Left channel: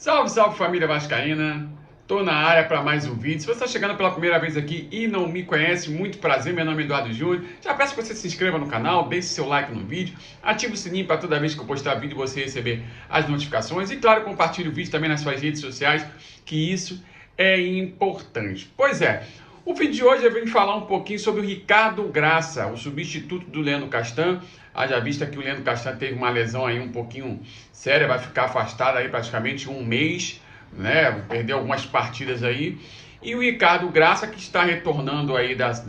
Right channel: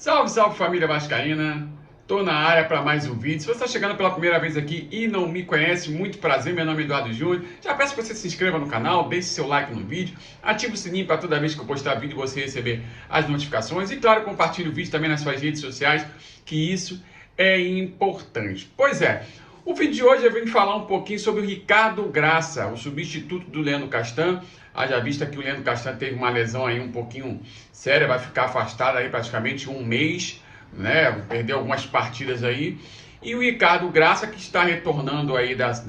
Salve, salve família vascaína! Tô na área para mais um vídeo. Se você está chegando pela primeira vez aqui e não me conhece, muito prazer, meu nome é Eduardo Júnior. Já peço que você se inscreva no canal, deixe seu like no vídeo, ative o sininho para toda vez que eu postar vídeo você receber as notificações e, claro, compartilhe o vídeo também nas suas redes sociais, que isso é importante. Pois é, o vídeo de hoje eu venho falar um pouquinho sobre o Ricardo Graça, o substituto do Leandro Castan. Haja vista que o Leandro Castan teve uma lesão aí um pouquinho séria, vai ficar afastado aí praticamente um mês, né? Perdeu algumas partidas aí. E o Ricardo Graça, que está retornando aí das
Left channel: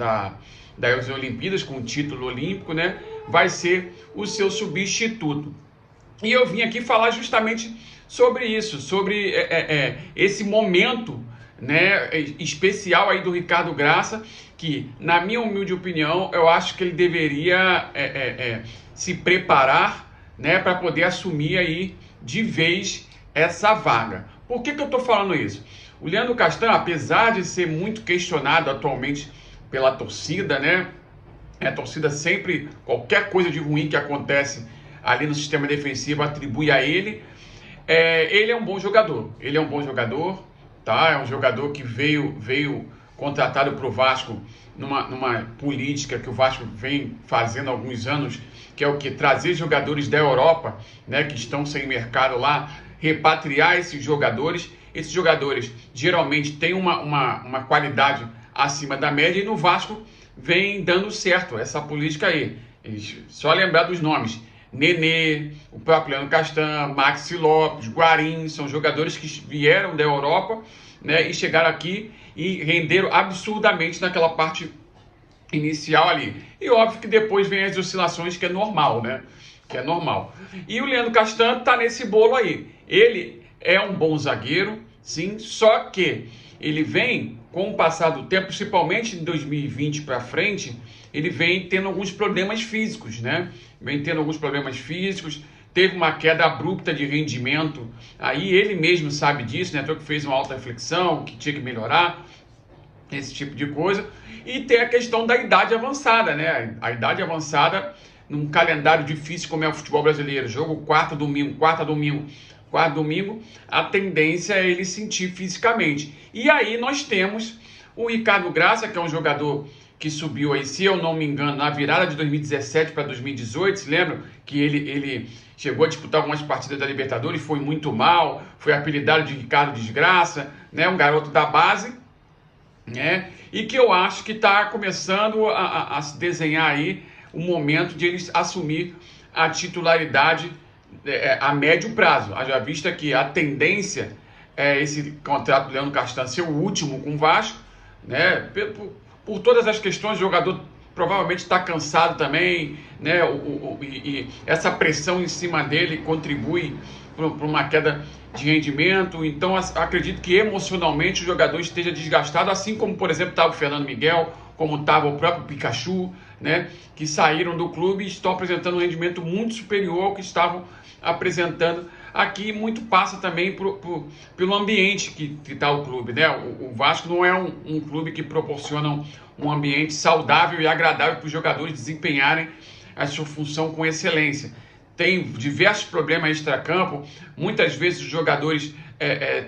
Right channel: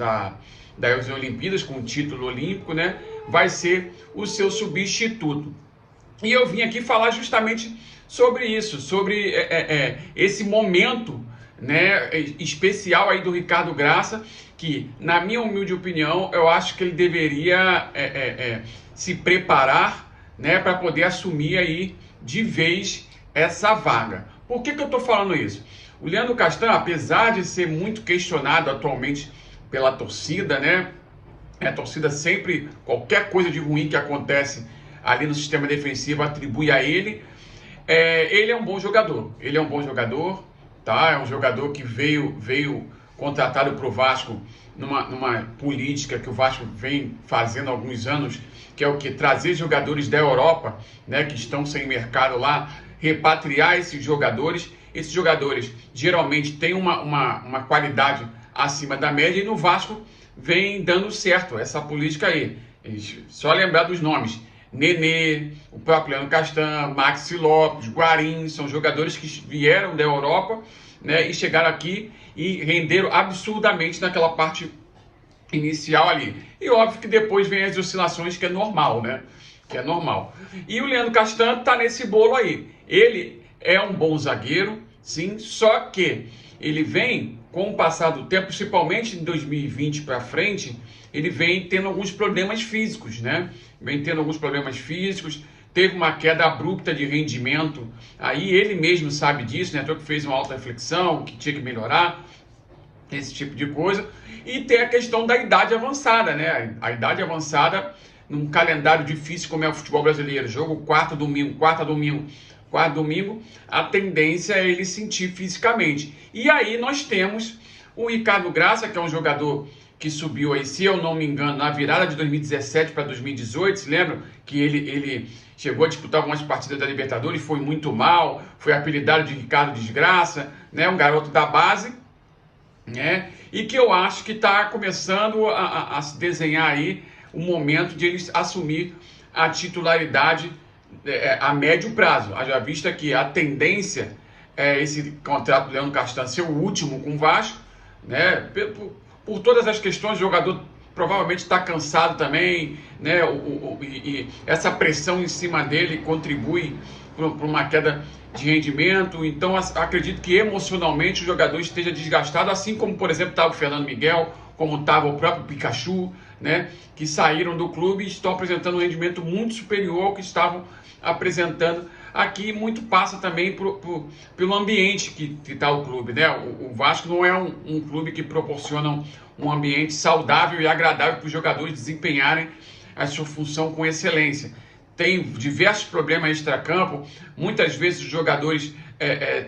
Olimpíadas com o título olímpico, né? Vai ser o seu substituto. E eu vim aqui falar justamente sobre isso, sobre esse momento, né, especial aí do Ricardo Graça, que, na minha humilde opinião, eu acho que ele deveria se preparar, né, para poder assumir aí de vez essa vaga. Por que eu estou falando isso? O Leandro Castan, apesar de ser muito questionado atualmente pela torcida, né, a torcida sempre, qualquer coisa de ruim que acontece ali no sistema defensivo, atribui a ele. Ele é um bom jogador, tá? É um jogador que veio contratado para o Vasco numa política que o Vasco vem fazendo há alguns anos, que é o que? Trazer jogadores da Europa, né, que estão sem mercado lá, repatriar esses jogadores. Esses jogadores geralmente têm uma qualidade acima da média e no Vasco vem dando certo essa política aí. Só lembrar dos nomes: Nenê, o próprio Leandro Castan, Maxi Lopes, Guarim, são jogadores que vieram da Europa, né, e chegaram aqui e renderam absurdamente naquela parte inicial ali. E óbvio que depois vem as oscilações, que é normal, né? Que é normal. E o Leandro Castan tá nesse bolo aí. Ele é um bom zagueiro, sim, só que ele vem, com o passar do tempo, principalmente em 2020 para frente, ele vem tendo alguns problemas físicos, né? Teve uma queda abrupta de rendimento, aí ele mesmo sabe disso, né? Então que fez uma auto-reflexão, que tinha que melhorar, esse tipo de coisa. E tem a questão da idade avançada, né? A idade avançada, num calendário difícil como é o futebol brasileiro, jogo quarta, domingo, a tendência é ele sentir fisicamente. E aí nós temos o Ricardo Graça, que é um jogador que subiu aí, se eu não me engano, na virada de 2017 para 2018, se lembram que ele chegou a disputar algumas partidas da Libertadores, foi muito mal, foi apelidado de Ricardo Desgraça, né? Um garoto da base, né? E que eu acho que está começando a se desenhar aí o momento de ele assumir a titularidade a médio prazo. Haja vista que a tendência é esse contrato do Leandro Castan ser o último com o Vasco, né? Por todas as questões, o jogador provavelmente está cansado também, né? E essa pressão em cima dele contribui para uma queda de rendimento. Então, acredito que emocionalmente o jogador esteja desgastado, assim como, por exemplo, estava o Fernando Miguel, como estava o próprio Pikachu, né? Que saíram do clube e estão apresentando um rendimento muito superior ao que estavam apresentando aqui. Muito passa também pelo ambiente que está o clube, né? O Vasco não é um clube que proporciona um ambiente saudável e agradável para os jogadores desempenharem a sua função com excelência. Tem diversos problemas extracampo, muitas vezes os jogadores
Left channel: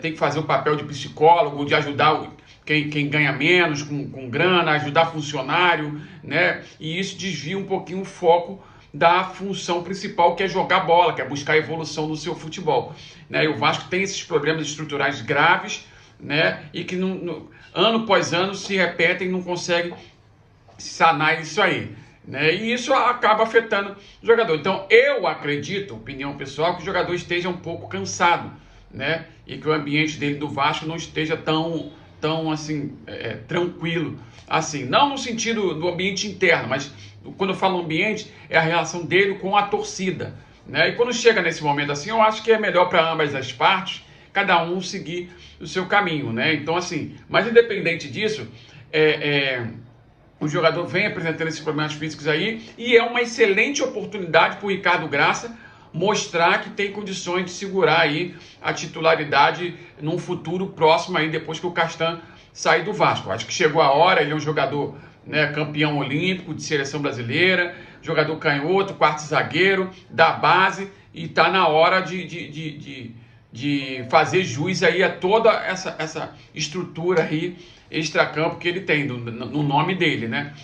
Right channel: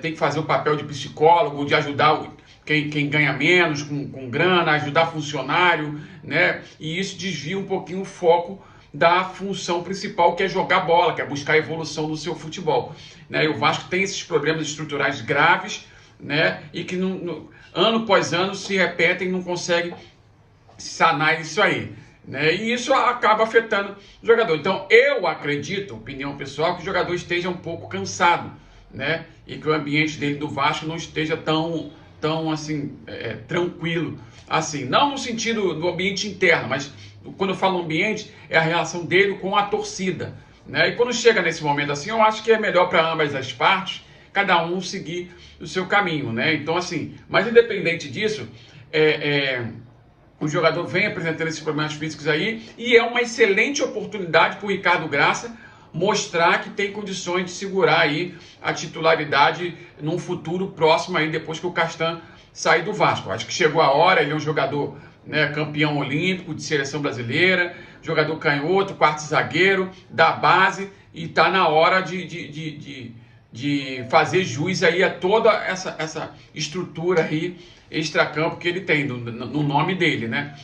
têm que fazer o papel de psicólogo, de ajudar quem ganha menos com grana, ajudar funcionário, né? E isso desvia um pouquinho o foco da função principal, que é jogar bola, que é buscar a evolução do seu futebol, né? E o Vasco tem esses problemas estruturais graves, né? E que ano após ano se repetem e não consegue sanar isso aí, né? E isso acaba afetando o jogador. Então eu acredito, opinião pessoal, que o jogador esteja um pouco cansado, né? E que o ambiente dele do Vasco não esteja tão assim, tranquilo, assim, não no sentido do ambiente interno, mas quando eu falo ambiente, é a relação dele com a torcida, né? E quando chega nesse momento assim, eu acho que é melhor para ambas as partes, cada um seguir o seu caminho, né? Então, assim, mas independente disso, o jogador vem apresentando esses problemas físicos aí e é uma excelente oportunidade para o Ricardo Graça mostrar que tem condições de segurar aí a titularidade num futuro próximo aí, depois que o Castan sair do Vasco. Acho que chegou a hora. Ele é um jogador, né, campeão olímpico de seleção brasileira, jogador canhoto, quarto zagueiro, da base, e está na hora de de fazer jus aí a toda essa estrutura aí extracampo que ele tem no nome dele, né?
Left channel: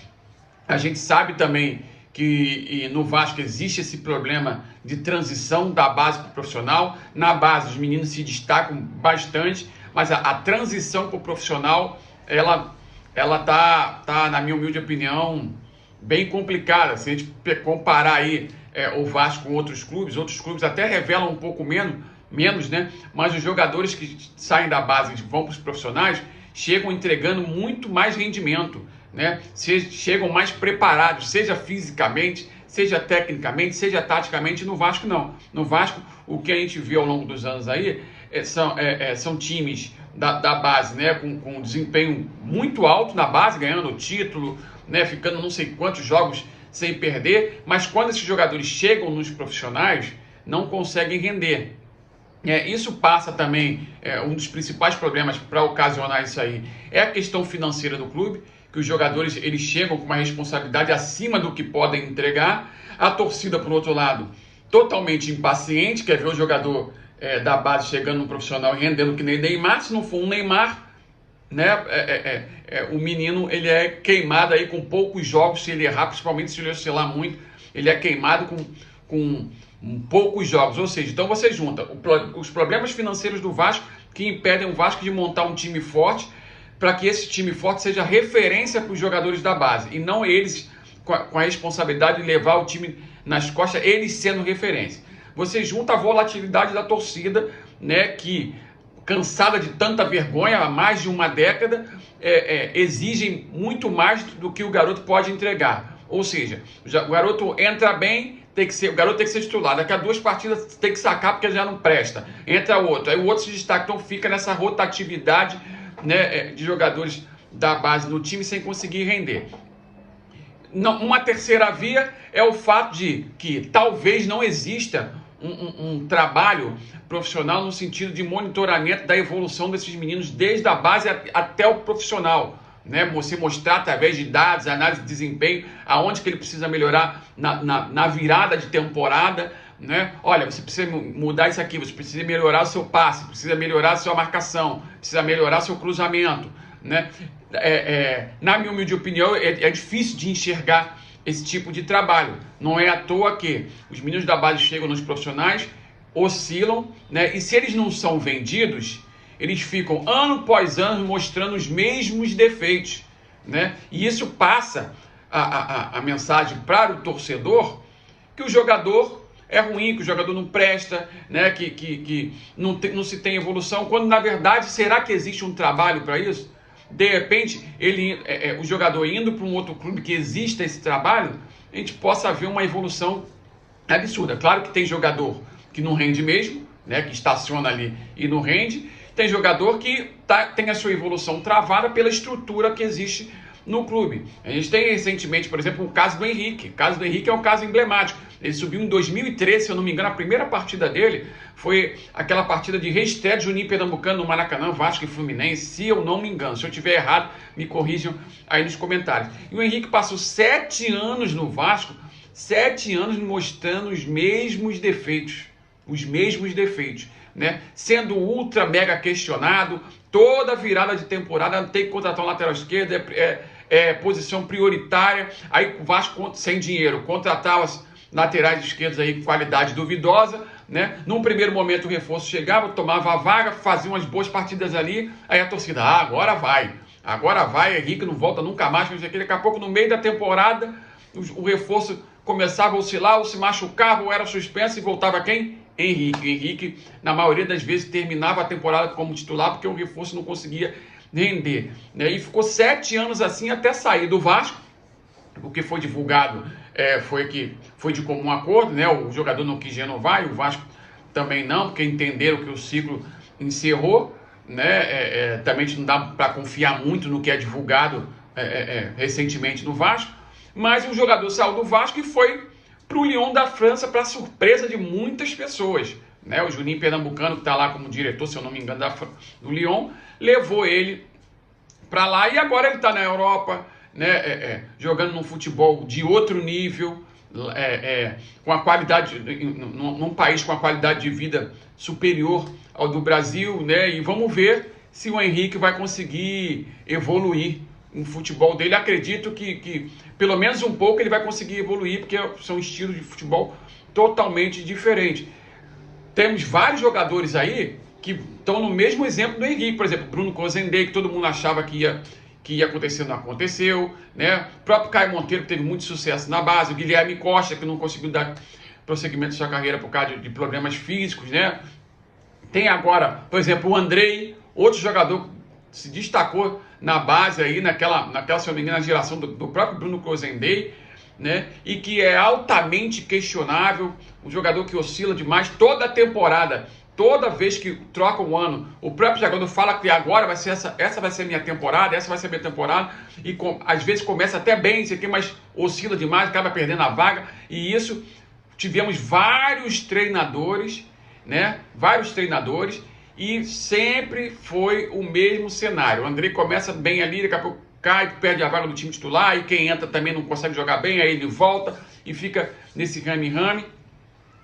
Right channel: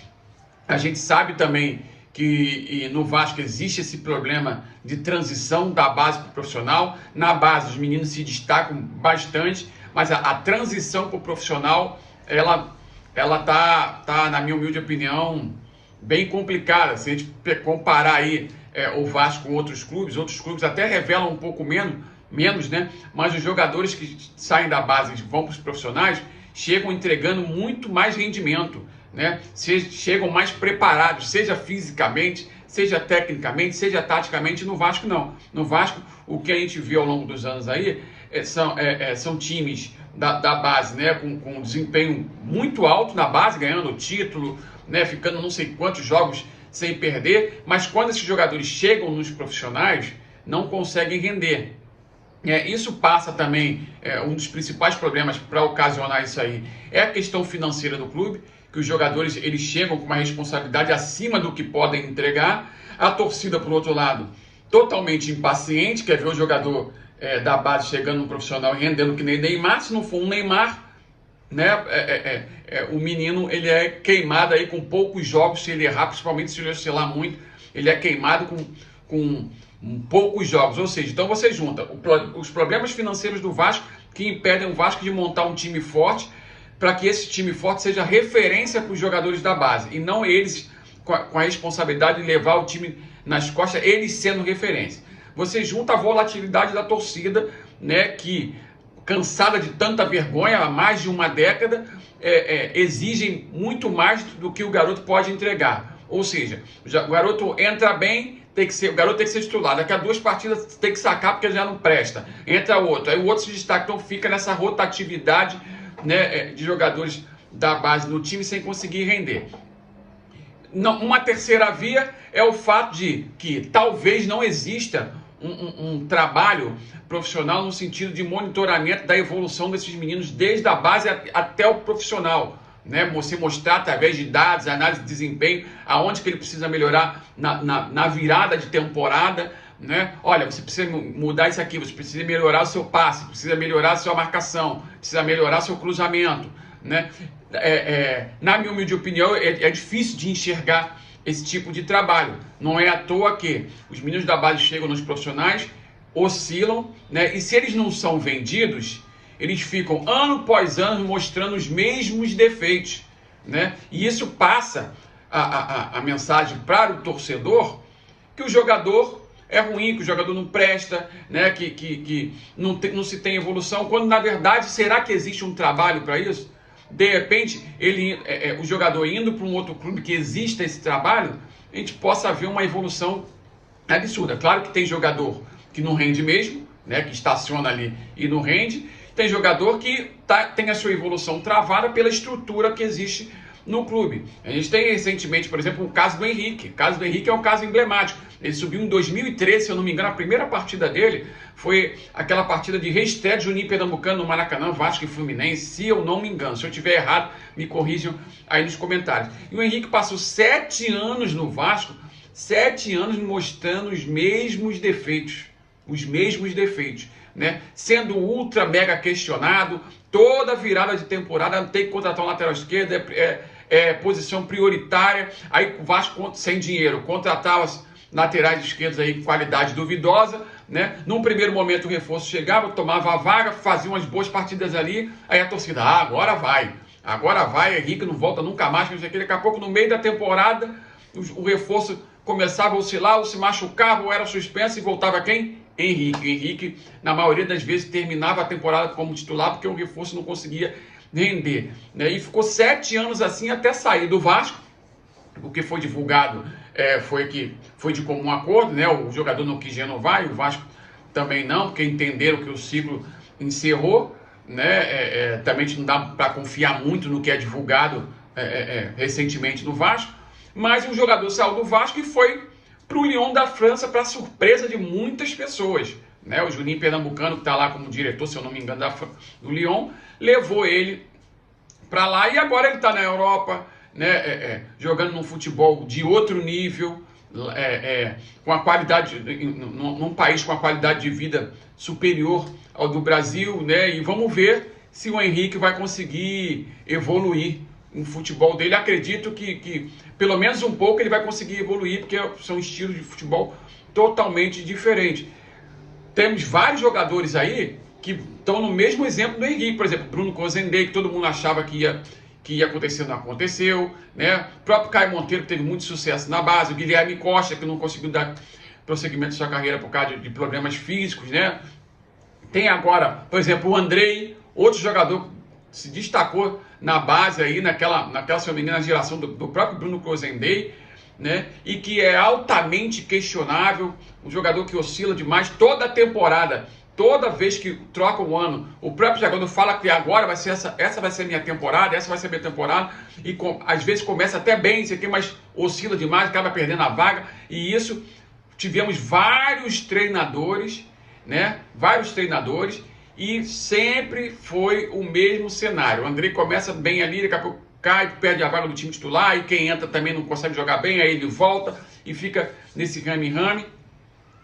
A gente sabe também que no Vasco existe esse problema de transição da base para o profissional. Na base os meninos se destacam bastante, mas a transição para o profissional, ela tá, na minha humilde opinião, bem complicada. Se a gente comparar aí o Vasco com outros clubes até revelam um pouco menos, né? Mas os jogadores que saem da base e vão para os profissionais chegam entregando muito mais rendimento, né? Chegam mais preparados, seja fisicamente, seja tecnicamente, seja taticamente. No Vasco não. No Vasco, o que a gente viu ao longo dos anos aí são times da base, né? Com desempenho muito alto na base, ganhando título, né? Ficando não sei quantos jogos sem perder, mas quando esses jogadores chegam nos profissionais, não conseguem render. Isso passa também, um dos principais problemas para ocasionar isso aí é a questão financeira do clube, que os jogadores eles chegam com uma responsabilidade acima do que podem entregar. A torcida, por outro lado, totalmente impaciente, quer ver o jogador da base chegando no profissional e rendendo que nem Neymar. Se não for um Neymar, né, o menino ele é queimado aí com poucos jogos. Se ele errar, principalmente se ele oscilar muito, ele é queimado com poucos jogos. Ou seja, então você junta os problemas financeiros do Vasco, que impedem o Vasco de montar um time forte, para que esse time forte seja referência para os jogadores da base, e não eles com a responsabilidade de levar o time nas costas, eles sendo referência. Você junta a volatilidade da torcida, né, que, cansada de tanta vergonha há mais de uma década, exigem muito mais do que o garoto pode entregar. Ou seja, o garoto entra bem, o garoto tem que ser titular. Daqui a 2 partidas tem que sacar porque ele já não presta. Entra outro, aí o outro se destaca. Então fica nessa rotatividade, né, de jogadores da base no time sem conseguir render. Uma terceira via é o fato de que talvez não exista um trabalho profissional no sentido de monitoramento da evolução desses meninos desde a base até o profissional, né? Você mostrar através de dados, análise de desempenho, aonde que ele precisa melhorar na virada de temporada, né? Olha, você precisa mudar isso aqui, você precisa melhorar o seu passe, precisa melhorar a sua marcação, precisa melhorar seu cruzamento, né? Na minha humilde opinião, é difícil de enxergar esse tipo de trabalho. Não é à toa que os meninos da base chegam nos profissionais, oscilam, né? E se eles não são vendidos, eles ficam ano após ano mostrando os mesmos defeitos, né? E isso passa a mensagem para o torcedor que o jogador é ruim, que o jogador não presta, né? Que não se tem evolução, quando na verdade, será que existe um trabalho para isso? De repente, o jogador indo para um outro clube que exista esse trabalho, a gente possa ver uma evolução absurda. Claro que tem jogador que não rende mesmo, né? Que estaciona ali e não rende. Tem jogador que tem a sua evolução travada pela estrutura que existe no clube. A gente tem recentemente, por exemplo, o caso do Henrique. O caso do Henrique é um caso emblemático. Ele subiu em 2013, se eu não me engano, a primeira partida dele foi aquela partida de reestreia de Juninho Pernambucano no Maracanã, Vasco e Fluminense, se eu não me engano. Se eu estiver errado, me corrijam aí nos comentários. E o Henrique passou 7 anos no Vasco, 7 anos mostrando os mesmos defeitos, né? Sendo ultra mega questionado, toda virada de temporada tem que contratar um lateral esquerdo, posição prioritária. Aí o Vasco sem dinheiro, contratar os laterais esquerdos aí com qualidade duvidosa, né? Num primeiro momento o reforço chegava, tomava a vaga, fazia umas boas partidas ali, aí a torcida, agora vai, Henrique não volta nunca mais, daqui a pouco no meio da temporada o reforço começava a oscilar, ou se machucava, ou era suspenso e voltava quem? Henrique, na maioria das vezes, terminava a temporada como titular porque o reforço não conseguia render, né? E ficou 7 anos assim até sair do Vasco. O que foi divulgado foi de comum acordo, né? O jogador não quis renovar e o Vasco também não, porque entenderam que o ciclo encerrou, né? Também não dá para confiar muito no que é divulgado recentemente no Vasco, mas o jogador saiu do Vasco e foi para o Lyon da França, para surpresa de muitas pessoas, né? O Juninho Pernambucano, que está lá como diretor, se eu não me engano, do Lyon, levou ele para lá e agora ele está na Europa, né? Jogando num futebol de outro nível, com a qualidade, num país com a qualidade de vida superior ao do Brasil, né? E vamos ver se o Henrique vai conseguir evoluir no futebol dele. Acredito que pelo menos um pouco ele vai conseguir evoluir, porque são estilos de futebol totalmente diferentes. Temos vários jogadores aí que estão no mesmo exemplo do Henrique. Por exemplo, Bruno Cozendey, que todo mundo achava que ia acontecer, não aconteceu, né? O próprio Caio Monteiro, que teve muito sucesso na base. O Guilherme Costa, que não conseguiu dar prosseguimento à sua carreira por causa de problemas físicos, né? Tem agora, por exemplo, o Andrei, outro jogador que se destacou na base aí, naquela se eu não me engano, na geração do próprio Bruno Cozendey, né? E que é altamente questionável, um jogador que oscila demais toda a temporada. Toda vez que troca o ano, o próprio jogador fala que agora vai ser essa vai ser minha temporada, essa vai ser minha temporada, e às vezes começa até bem, você tem, mas oscila demais, acaba perdendo a vaga, e isso tivemos vários treinadores, né? Vários treinadores, e sempre foi o mesmo cenário. O Andrei começa bem ali, daqui a pouco cai, perde a vaga do time titular, e quem entra também não consegue jogar bem, aí ele volta e fica nesse rame-rame,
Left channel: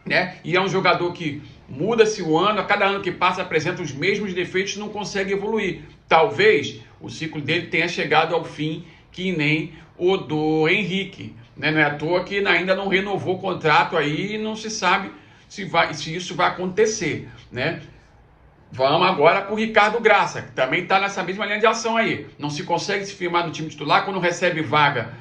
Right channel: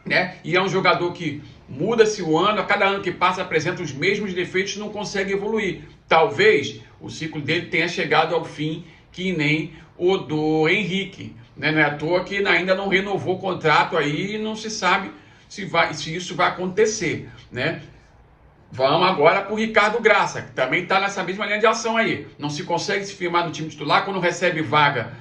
né? E é um jogador que muda-se o ano, a cada ano que passa apresenta os mesmos defeitos e não consegue evoluir. Talvez o ciclo dele tenha chegado ao fim, que nem o do Henrique, né? Não é à toa que ainda não renovou o contrato aí e não se sabe se isso vai acontecer, né? Vamos agora para o Ricardo Graça, que também está nessa mesma linha de ação aí. Não se consegue se firmar no time titular, quando recebe vaga,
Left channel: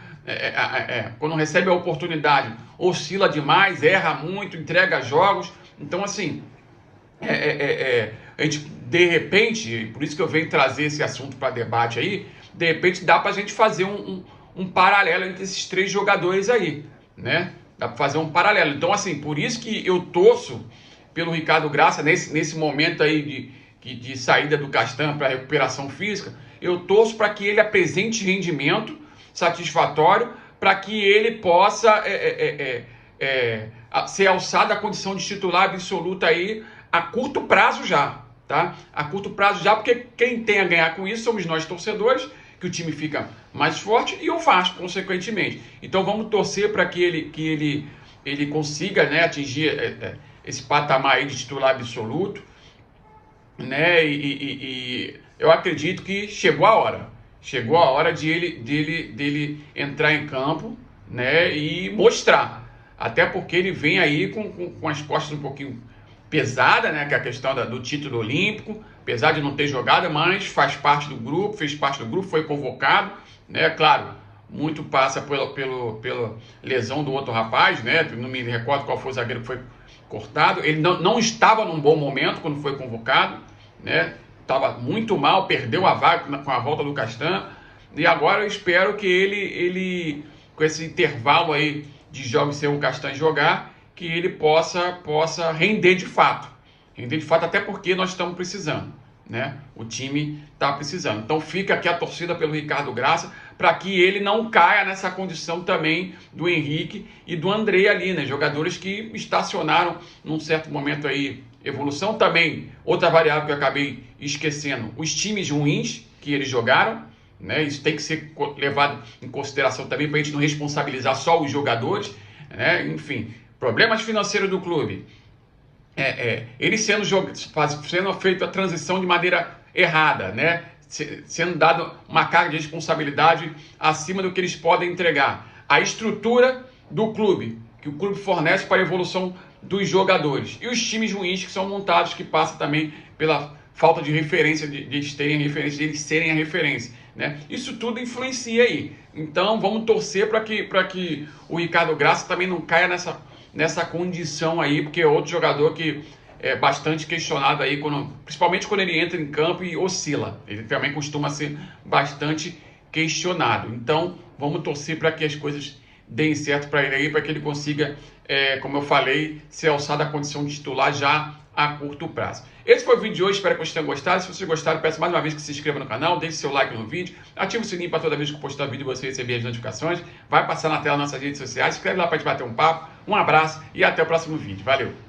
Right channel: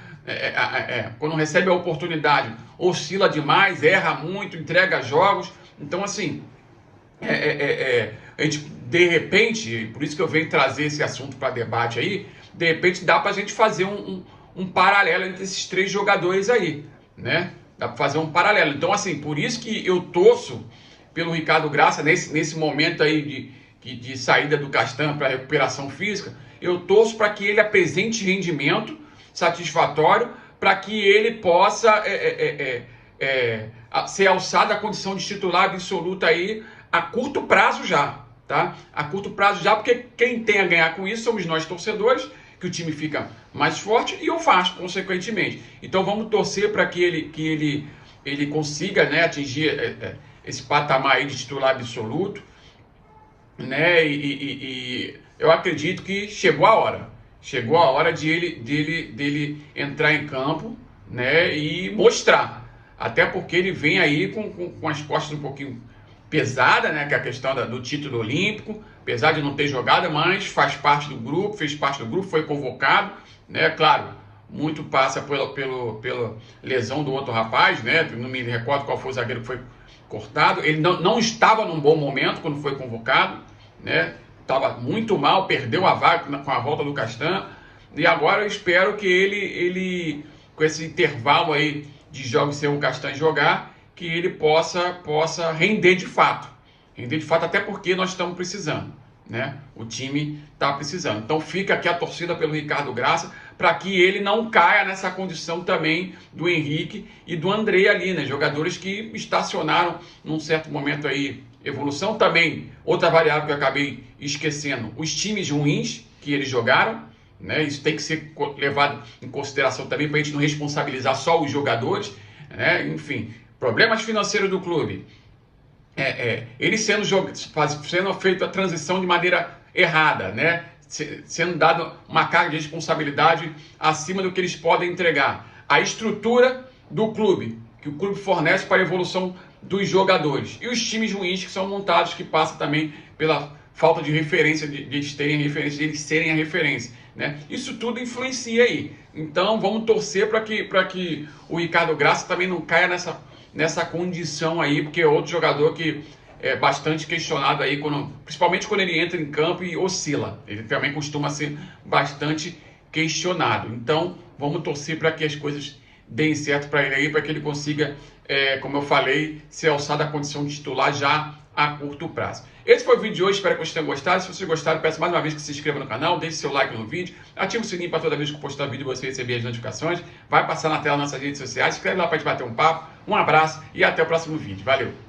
quando recebe a oportunidade, oscila demais, erra muito, entrega jogos. Então, assim, a gente, de repente, por isso que eu venho trazer esse assunto para debate aí, de repente dá para a gente fazer um paralelo entre esses três jogadores aí, né? Dá para fazer um paralelo. Então, assim, por isso que eu torço pelo Ricardo Graça, nesse momento aí de saída do Castan para recuperação física, eu torço para que ele apresente rendimento satisfatório, para que ele possa ser alçado à condição de titular absoluta aí a curto prazo já, tá? A curto prazo já, porque quem tem a ganhar com isso somos nós torcedores, que o time fica mais forte e o Vasco, consequentemente. Então vamos torcer para que ele consiga, né, atingir esse patamar aí de titular absoluto, né? E eu acredito que chegou a hora. Chegou a hora dele entrar em campo, né, e mostrar. Até porque ele vem aí com as costas um pouquinho pesadas, né, que é a questão do título olímpico, apesar de não ter jogado, mas faz parte do grupo, fez parte do grupo, foi convocado, né, claro, muito passa pela lesão do outro rapaz, né, não me recordo qual foi o zagueiro que foi cortado. Ele não estava num bom momento quando foi convocado, né? Estava muito mal, perdeu a vaga com a volta do Castan, e agora eu espero que ele com esse intervalo aí de jogos sem o Castan jogar, que ele possa render de fato, até porque nós estamos precisando, né? O time está precisando. Então fica aqui a torcida pelo Ricardo Graça, para que ele não caia nessa condição também do Henrique e do Andrei ali, né? Jogadores que estacionaram num certo momento aí. Evolução também, outra variável que eu acabei esquecendo, os times ruins que eles jogaram, né? Isso tem que ser levado em consideração também, para a gente não responsabilizar só os jogadores, né? Enfim, problemas financeiros do clube. Ele sendo feita a transição de maneira errada, né? Sendo dado uma carga de responsabilidade acima do que eles podem entregar. A estrutura do clube, que o clube fornece para a evolução dos jogadores. E os times ruins que são montados, que passa também pela falta de referência, de eles terem referência, de eles serem a referência, né? Isso tudo influencia aí. Então vamos torcer para que o Ricardo Graça também não caia nessa condição aí, porque é outro jogador que é bastante questionado aí, principalmente quando ele entra em campo e oscila. Ele também costuma ser bastante questionado. Então, vamos torcer para que as coisas deem certo para ele aí, para que ele consiga, como eu falei, ser alçado à condição de titular já a curto prazo. Esse foi o vídeo de hoje, espero que vocês tenham gostado. Se vocês gostaram, peço mais uma vez que se inscreva no canal, deixe seu like no vídeo, ative o sininho para toda vez que eu postar vídeo você receber as notificações. Vai passar na tela nas nossas redes sociais, escreve lá para a gente bater um papo. Um abraço e até o próximo vídeo. Valeu!